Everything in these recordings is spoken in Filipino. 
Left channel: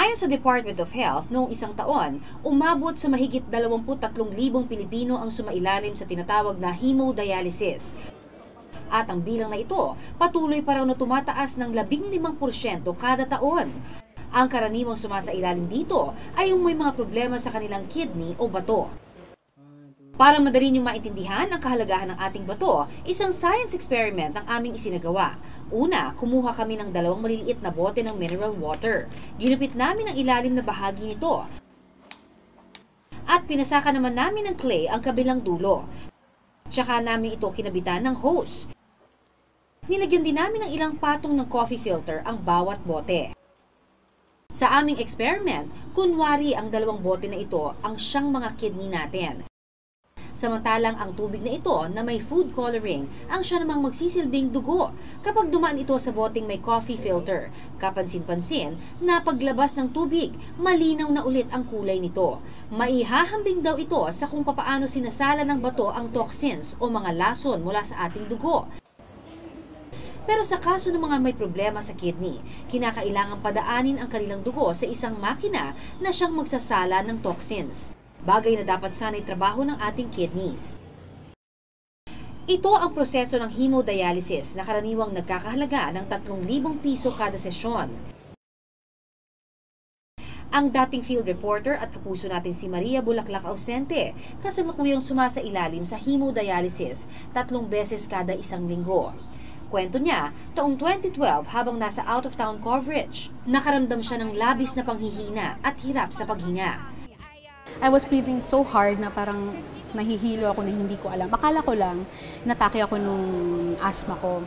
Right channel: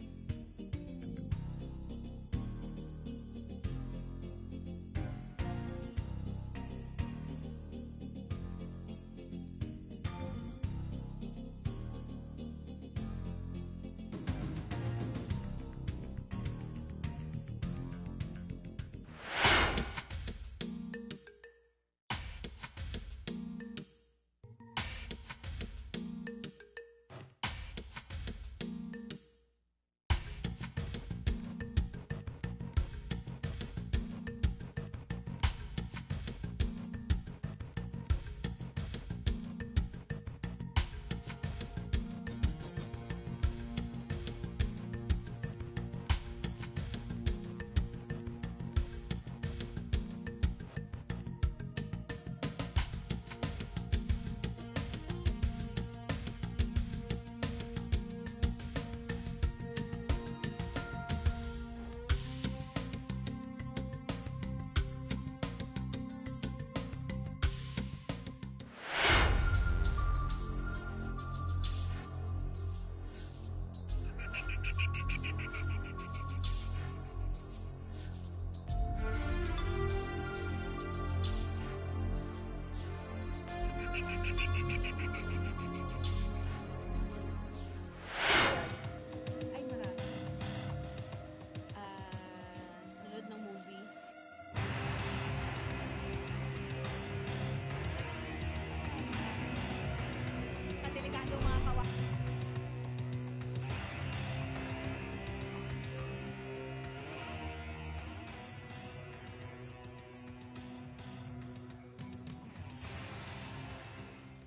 Ayon sa Department of Health, noong isang taon, umabot sa mahigit 23,000 Pilipino ang sumailalim sa tinatawag na hemodialysis. At ang bilang na ito, patuloy pa raw na tumataas ng 15% kada taon. Ang karaniwang sumasailalim dito ay yung may mga problema sa kanilang kidney o bato. Para madali niyong maintindihan ang kahalagahan ng ating bato, isang science experiment ang aming isinagawa. Una, kumuha kami ng 2 maliliit na bote ng mineral water. Ginupit namin ang ilalim na bahagi nito. At pinasaka naman namin ng clay ang kabilang dulo. Tsaka namin ito kinabitan ng hose. Nilagyan din namin ng ilang patong ng coffee filter ang bawat bote. Sa aming experiment, kunwari ang 2 bote na ito ang siyang mga kidney natin. Samantalang ang tubig na ito na may food coloring ang siya namang magsisilbing dugo kapag dumaan ito sa boteng may coffee filter. Kapansin-pansin na paglabas ng tubig, malinaw na ulit ang kulay nito. Maihahambing daw ito sa kung papaano sinasala ng bato ang toxins o mga lason mula sa ating dugo. Pero sa kaso ng mga may problema sa kidney, kinakailangang padaanin ang kanilang dugo sa isang makina na siyang magsasala ng toxins. Bagay na dapat sana'y trabaho ng ating kidneys. Ito ang proseso ng hemodialysis na karaniwang nagkakahalaga ng 3,000 piso kada sesyon. Ang dating field reporter at kapuso natin si Maria Bulaklak Ausente, kasalukuyang sumasailalim sa hemodialysis 3 beses kada isang linggo. Kwento niya, taong 2012 habang nasa out-of-town coverage, nakaramdam siya ng labis na panghihina at hirap sa paghinga. I was breathing so hard na parang nahihilo ako na hindi ko alam. Akala ko lang, natake ako nung asthma ko.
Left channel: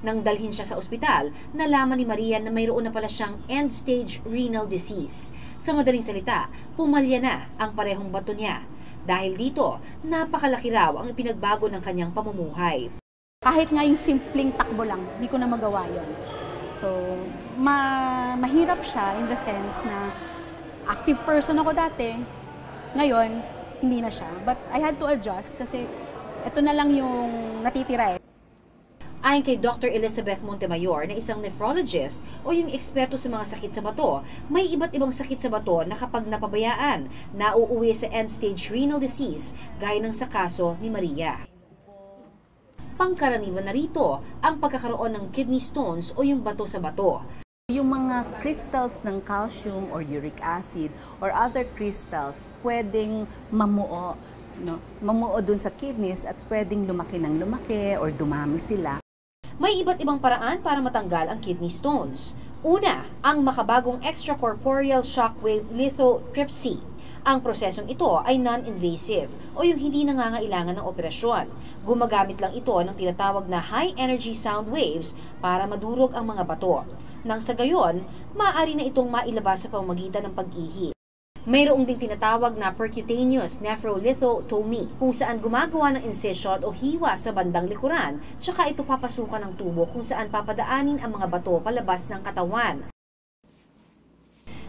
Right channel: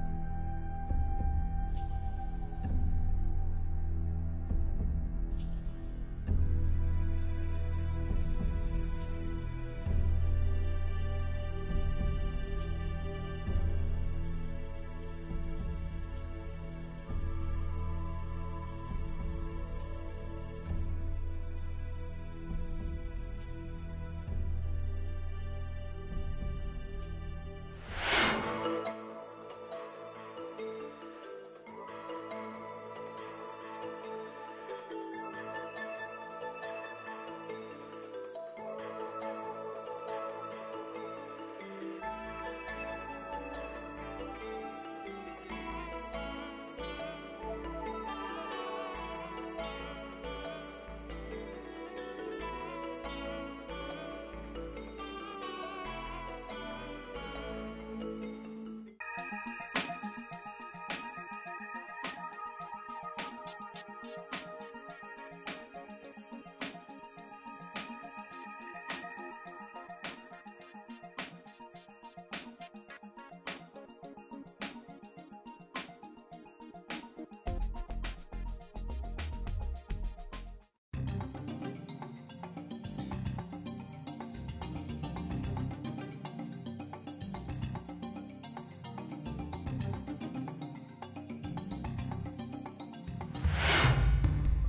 Nang dalhin siya sa ospital, nalaman ni Maria na mayroon na pala siyang end-stage renal disease. Sa madaling salita, pumalya na ang parehong bato niya. Dahil dito, napakalaki raw ang ipinagbago ng kanyang pamumuhay. Kahit nga yung simpleng takbo lang, hindi ko na magawa yun. So, mahirap siya in the sense na active person ako dati, ngayon, hindi na siya. But I had to adjust kasi ito na lang yung natitira eh. Ayon kay Dr. Elizabeth Montemayor na isang nephrologist o yung eksperto sa mga sakit sa bato, may iba't ibang sakit sa bato na kapag napabayaan, nauuwi sa end-stage renal disease gaya ng sa kaso ni Maria. Pangkaraniwan na rito ang pagkakaroon ng kidney stones o yung bato sa bato. Yung mga crystals ng calcium or uric acid or other crystals pwedeng mamuo, no? Mamuo dun sa kidneys at pwedeng lumaki ng lumaki or dumami sila. May iba't ibang paraan para matanggal ang kidney stones. Una, ang makabagong extracorporeal shockwave lithotripsy. Ang prosesong ito ay non-invasive o yung hindi nangangailangan ng operasyon. Gumagamit lang ito ng tinatawag na high-energy sound waves para madurog ang mga bato. Nang sa gayon, maaari na itong mailabas sa pamamagitan ng pag-ihi. Mayroong ding tinatawag na percutaneous nephrolithotomy kung saan gumagawa ng incision o hiwa sa bandang likuran, tsaka ito papasukan ng tubo kung saan papadaanin ang mga bato palabas ng katawan.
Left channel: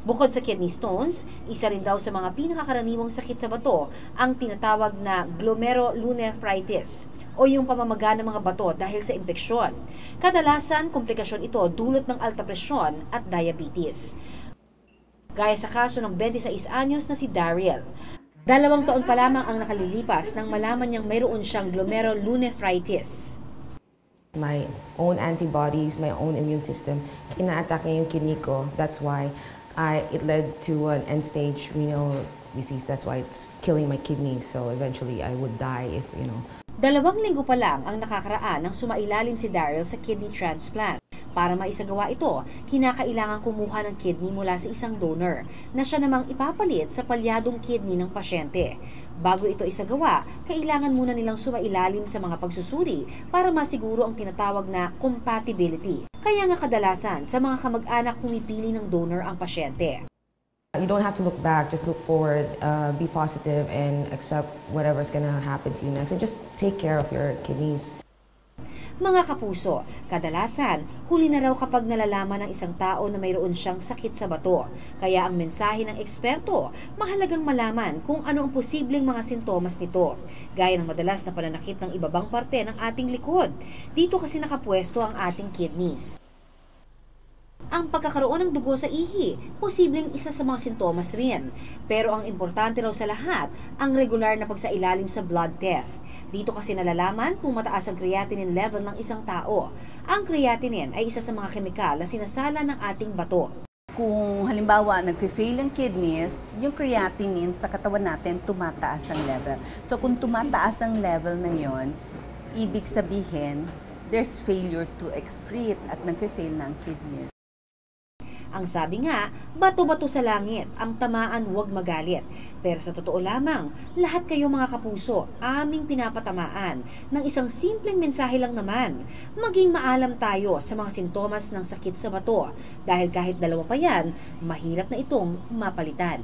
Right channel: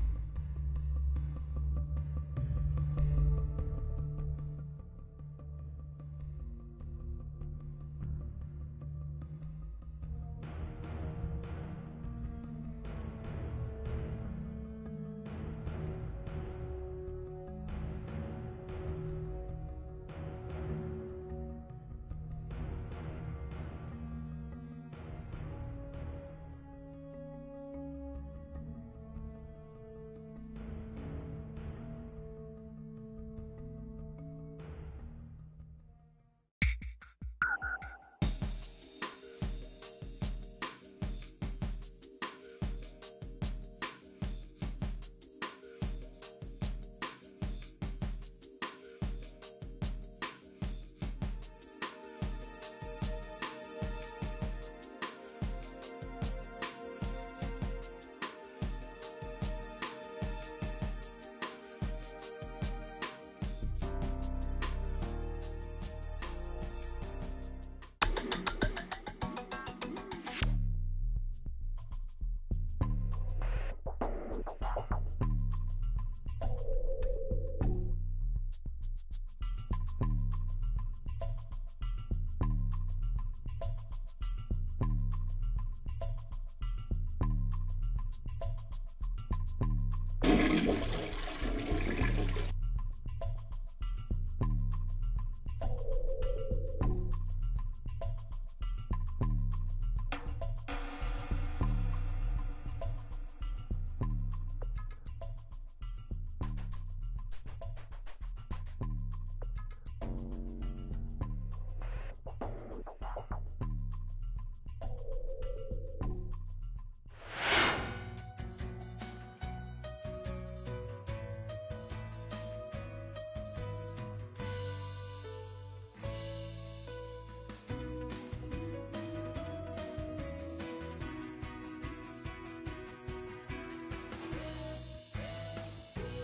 Bukod sa kidney stones, isa rin daw sa mga pinakakaraniwang sakit sa bato ang tinatawag na glomerulonephritis o yung pamamaga ng mga bato dahil sa impeksyon. Kadalasan, komplikasyon ito dulot ng alta presyon at diabetes. Gaya sa kaso ng 26 anyos na si Daryl. 2 taon pa lamang ang nakalilipas nang malaman niyang mayroon siyang glomerulonephritis. My own antibodies, my own immune system, ina-attack niya yung kidney ko. That's why it led to an end-stage renal disease. That's why it's killing my kidneys. So eventually, I would die if, 2 linggo pa lang ang nakakaraan nang sumailalim si Daryl sa kidney transplant. Para maisagawa ito, kinakailangan kumuha ng kidney mula sa isang donor na siya namang ipapalit sa palyadong kidney ng pasyente. Bago ito isagawa, kailangan muna nilang sumailalim sa mga pagsusuri para masiguro ang tinatawag na compatibility. Kaya nga kadalasan, sa mga kamag-anak pumipili ng donor ang pasyente. You don't have to look back, just look forward, be positive, and accept whatever's gonna happen to you next. So just take care of your kidneys. Mga kapuso, kadalasan, huli na raw kapag nalalaman ng isang tao na mayroon siyang sakit sa bato. Kaya ang mensahe ng eksperto, mahalagang malaman kung ano ang posibleng mga sintomas nito. Gaya ng madalas na pananakit ng ibabang parte ng ating likod. Dito kasi nakapwesto ang ating kidneys. Ang pagkakaroon ng dugo sa ihi, posibleng isa sa mga sintomas rin. Pero ang importante raw sa lahat, ang regular na pagsailalim sa blood test. Dito kasi nalalaman kung mataas ang creatinine level ng isang tao. Ang creatinine ay isa sa mga kemikal na sinasala ng ating bato. Kung halimbawa nagfe-fail ang kidneys, yung creatinine sa katawan natin tumataas ang level. So kung tumataas ang level na yon, ibig sabihin there's failure to excrete at nagfe-fail na ang kidneys. Ang sabi nga, bato-bato sa langit, ang tamaan huwag magalit. Pero sa totoo lamang, lahat kayo mga kapuso, aming pinapatamaan ng isang simpleng mensahe lang naman. Maging maalam tayo sa mga sintomas ng sakit sa bato. Dahil kahit dalawa pa yan, mahirap na itong mapalitan.